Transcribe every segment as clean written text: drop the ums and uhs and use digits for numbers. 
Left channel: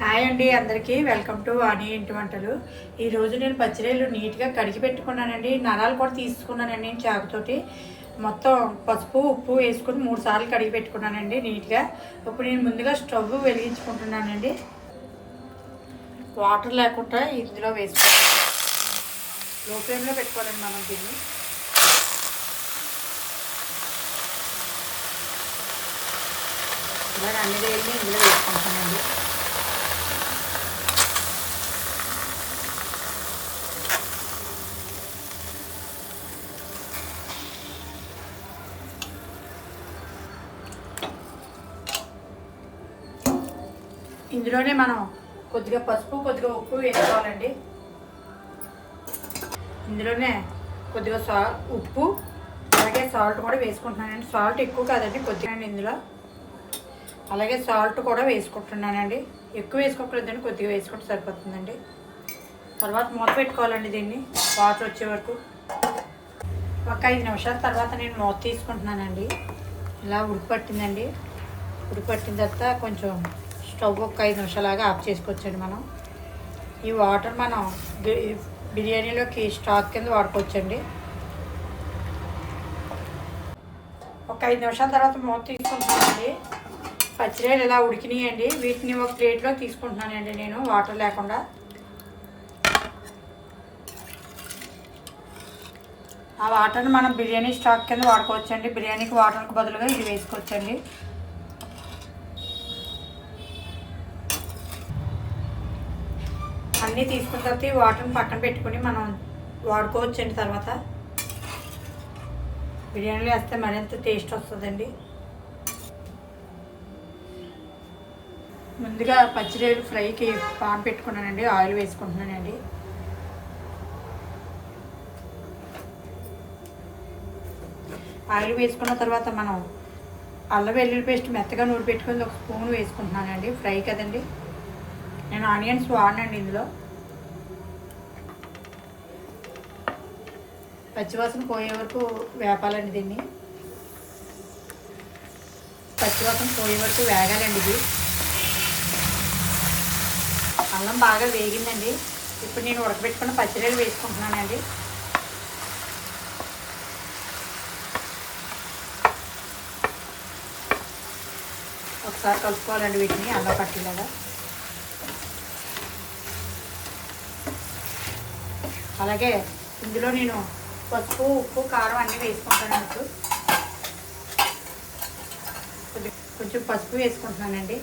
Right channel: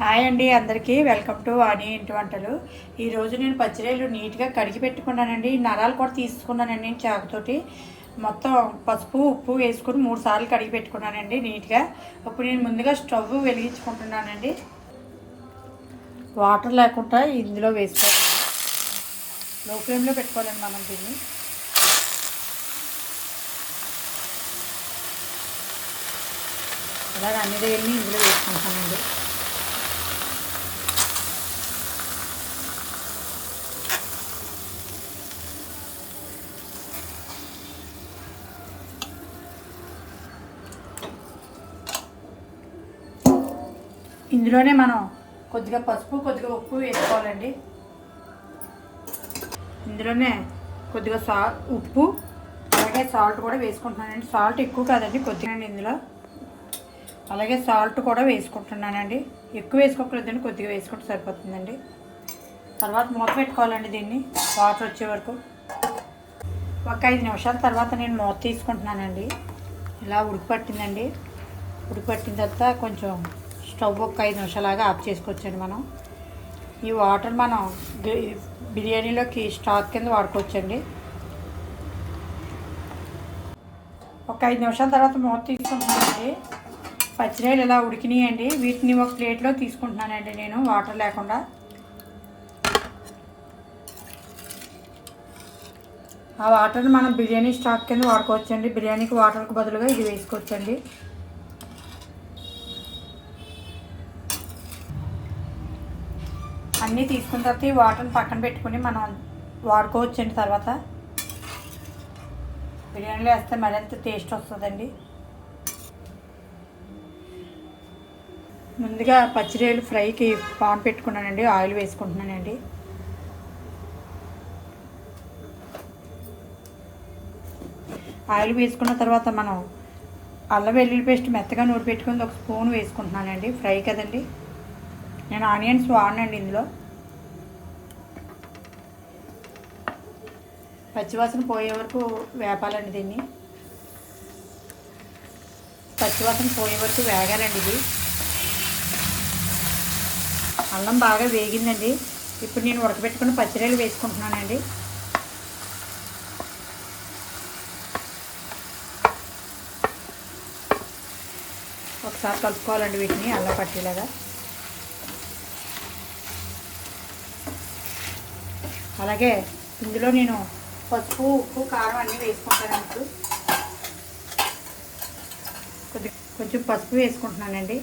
Hi అండి, అందరికీ welcome to వాణి ఇంటి వంటలు. ఈరోజు నేను పచ్చిరేలు నీట్గా కడిగి పెట్టుకున్నానండి. నరాలు కూడా తీసుకున్నానండి చాకుతోటి. మొత్తం పసుపు ఉప్పు వేసుకుని 3 సార్లు కడిగి పెట్టుకున్నానండి నీట్గా. ఇప్పుడు నేను ముందుగా స్టవ్ వెలిగించుకుంటున్నానండి. వాటర్ లేకుండా ఇందులో వేసుకుంటాను. లో ఫ్లేమ్లో పెట్టుకోవాలి మనం దీన్ని. అలాగే అన్నీ ఇందులో వేసుకుంటానండి. ఇందులోనే మనం కొద్దిగా పసుపు కొద్దిగా ఉప్పు వేసుకోవాలండి. ఇందులోనే కొద్దిగా ఉప్పు అలాగే సాల్ట్ కూడా వేసుకుంటున్నానండి. సాల్ట్ ఎక్కువ కాదండి, కొద్దిగా ఇందులో. అలాగే సాల్ట్ కూడా వేసుకుంటున్నానండి. ఎక్కువ వేసుకోకూడదండి, కొద్దిగా వేసుకుంటే సరిపోతుందండి. తర్వాత మూత పెట్టుకోవాలండి దీన్ని వాటర్ వచ్చే వరకు. ఒక 5 నిమిషాల తర్వాత నేను మూత తీసుకుంటున్నానండి. ఇలా ఉడికిపట్టిందండి. ఉడికిపట్టిన తర్వాత కొంచెం స్టవ్ ఒక 5 నిమిషాలాగా ఆఫ్ చేసుకోవచ్చండి. మనం ఈ వాటర్ మనం బిర్యానీలోకి స్టాక్ కింద వాడుకోవచ్చండి. ఒక 5 నిమిషాల తర్వాత మూత తీసుకుంటున్నానండి. పచ్చిరాయలు ఇలా ఉడికినాయండి. వీటిని ఒక ప్లేట్లో తీసుకుంటున్నానండి నేను, వాటర్ లేకుండా. ఆ వాటర్ని మనం బిర్యానీ స్టాక్ కింద వాడుకోవచ్చండి. బిర్యానీకి వాటర్కి బదులుగా ఇది వేసుకోవచ్చండి. అన్నీ తీసుకున్న తర్వాత ఈ వాటర్ని పక్కన పెట్టుకుని మనం వాడుకోవచ్చండి. తర్వాత బిర్యానీలో వేస్తే మరింత టేస్ట్ వస్తుందండి. ముందుగా పచ్చిరేలు ఫ్రైకి పాన్ పెట్టుకున్నానండి. ఆయిల్ వేసుకుంటున్నానండి. ఆయిల్ వేసుకున్న తర్వాత మనం అల్లం వెల్లుల్లి పేస్ట్ మెత్తగా నూరి పెట్టుకొని 1 స్పూన్ వేసుకుంటున్నానండి. ఫ్రై కదండి, నేను ఆనియన్స్ వాడనండి ఇందులో. పచ్చివాసన పోయే వరకు వేపాలండి దీన్ని. పచ్చివాసన పోయే వరకు వేగాలండి ఇది. అల్లం బాగా వేగిందండి. ఇప్పుడు నేను ఉడకబెట్టుకున్న పచ్చిరేలు వేసుకుంటున్నానండి. ఒకసారి కలుపుకోవాలండి వీటిని అల్లం పట్టేలాగా. అలాగే ఇందులో నేను పసుపు ఉప్పు కారం అన్నీ వేసుకుంటాను. కొంచెం పసుపు వేసుకుంటున్నానండి.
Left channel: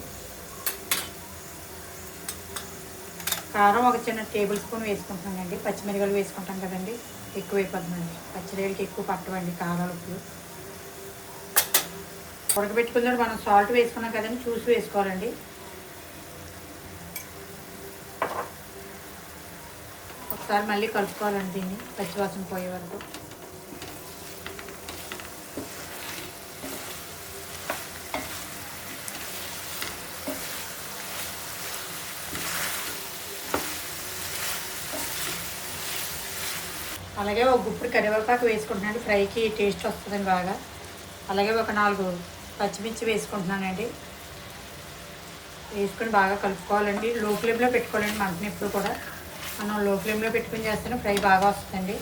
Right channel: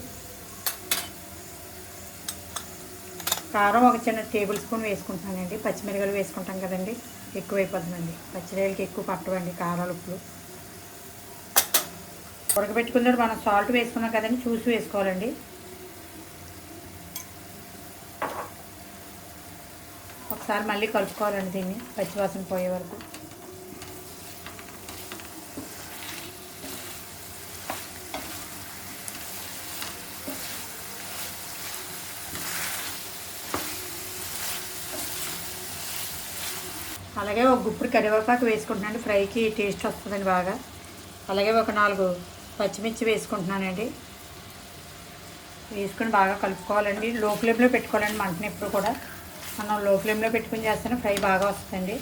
కారం ఒక చిన్న టేబుల్ స్పూన్ వేసుకుంటున్నానండి. పచ్చిమిరపకాయలు వేసుకుంటాం కదండి, ఎక్కువైపోతుందండి. పచ్చిమిరపకాయలకి ఎక్కువ పట్టవండి కారాలు ఉప్పు. ఉడకబెట్టుకున్నప్పుడు మనం సాల్ట్ వేసుకున్నాం కదండి, చూసి వేసుకోవాలండి. ఒకసారి మళ్ళీ కలుపుకోవాలండి దీన్ని పచ్చివాసన పోయే వరకు. అలాగే ఒక గుప్పుడు కరివేపాకు వేసుకుంటున్నాను. ఫ్రైకి టేస్ట్ వస్తుందండి బాగా. అలాగే ఒక 4 పచ్చిమిర్చి వేసుకుంటున్నానండి. వేసుకుని బాగా కలుపుకోవాలండి. లో ఫ్లేమ్లో పెట్టుకోవాలండి మంటని. ఎప్పుడు కూడా మనం లో ఫ్లేమ్లో పెట్టుకుని చేస్తేనే ఫ్రై బాగా వస్తుందండి.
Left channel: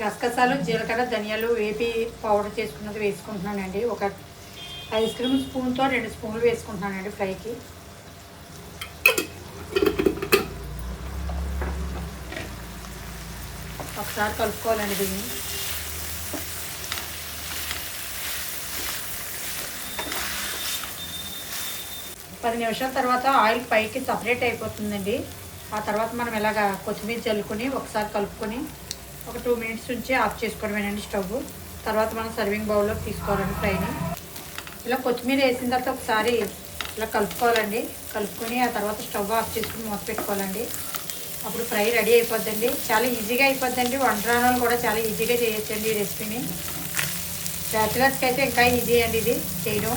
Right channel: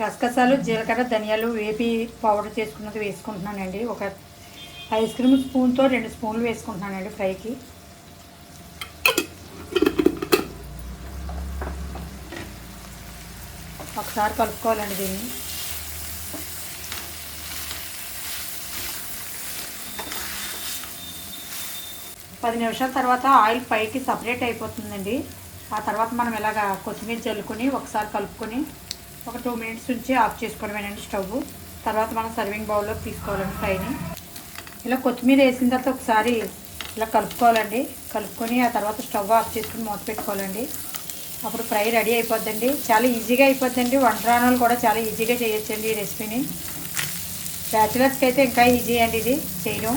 గసగసాలు జీలకర్ర ధనియాలు వేపి పౌడర్ చేసుకున్నది వేసుకుంటున్నానండి. ఒక ఐస్ క్రీమ్ స్పూన్తో 2 స్పూన్లు వేసుకుంటున్నానండి ఫ్రైకి. ఒకసారి కలుపుకోవాలండి దీన్ని. పది నిమిషాల తర్వాత ఆయిల్ పైకి సపరేట్ అయిపోతుందండి. ఆ తర్వాత మనం ఇలాగా కొత్తిమీర చల్లుకొని ఒకసారి కలుపుకొని ఒక 2 మినిట్స్ నుంచి ఆఫ్ చేసుకోవడమేనండి స్టవ్. తర్వాత మనం సర్వింగ్ బౌల్లోకి తీసుకోవాలండి ఫ్రైని. ఇలా కొత్తిమీర వేసిన తర్వాత ఒకసారి ఇలా కలుపుకోవాలండి. కలుపుకొని ఆ తర్వాత స్టవ్ ఆఫ్ చేసుకుని మూత పెట్టుకోవాలండి. అప్పుడు ఫ్రై రెడీ అయిపోద్దండి. చాలా ఈజీగా అయిపోద్దండి. వంట రాని కూడా చాలా ఈజీగా చేయొచ్చండి ఈ రెసిపీని. బ్యాచిలర్స్కి అయితే ఇంకా ఈజీ అండి ఇది చేయడం.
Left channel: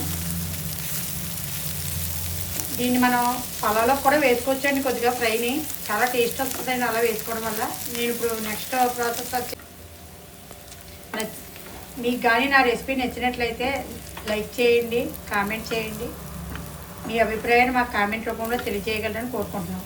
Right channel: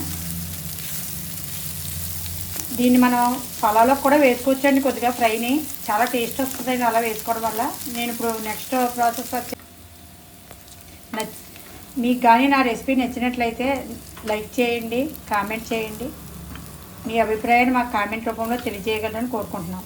దీన్ని మనం పలావ్లో కూడా వేసుకోవచ్చండి. కొద్దిగా ఫ్రైని చాలా టేస్ట్ వస్తుందండి అలా వేసుకోవడం వల్ల. నేను ఇప్పుడు నెక్స్ట్ ప్రాసెస్ వచ్చి మీకు కానీ నా రెసిపీ నచ్చినట్లయితే లైక్ చేయండి, కామెంట్ చేయండి. మీ అభిప్రాయాన్ని మాకు కామెంట్ రూపంలో తెలియజేయగలరని కోరుకుంటున్నాం.